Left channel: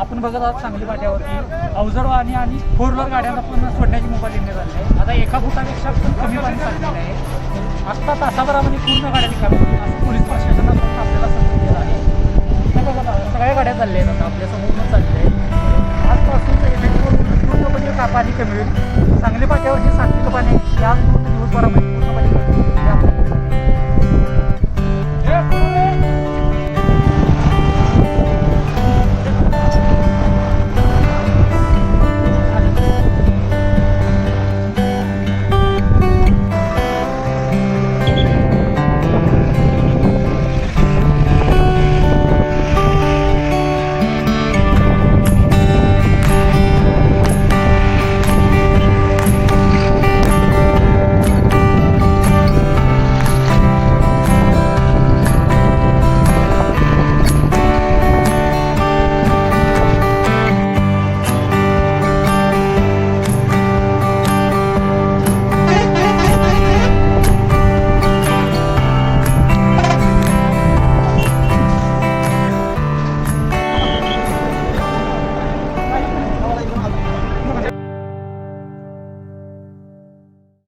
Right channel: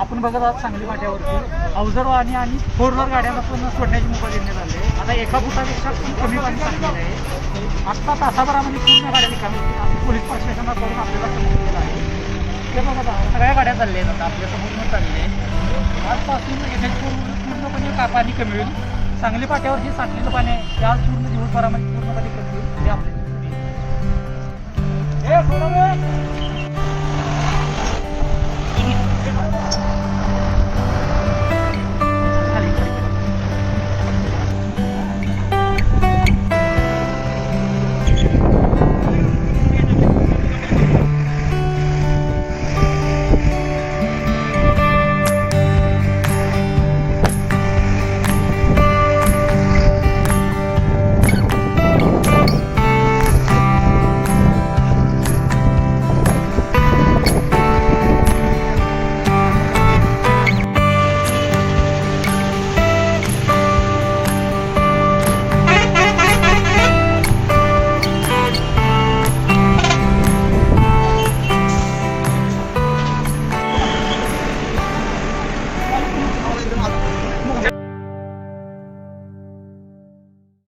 आपण बघत आहात सांगली फाट्यावरती अवजड वाहने आणि फोर व्हीलर गाड्यांना पण सोडण्याची मुभा देण्यात आली आहे. आता एका फुटापेक्षा पण कमी पाणी साठलेलं आहे. आत्ता तासाभरामध्ये पूर्ण गाड्या निघाल्या पोलीस प्रशासनाकडून आपल्याला सांगितलेलं आहे. तर बघत आहात सगळ्या गाड्या चालल्या आहेत आता आपल्या समोर चालले आहेत. आजपासून पूर्णपणे पाणी कमी होईल. सांगली फाट्यावर जे साठलेलं पाणी आहे त्या दिवसभरामध्ये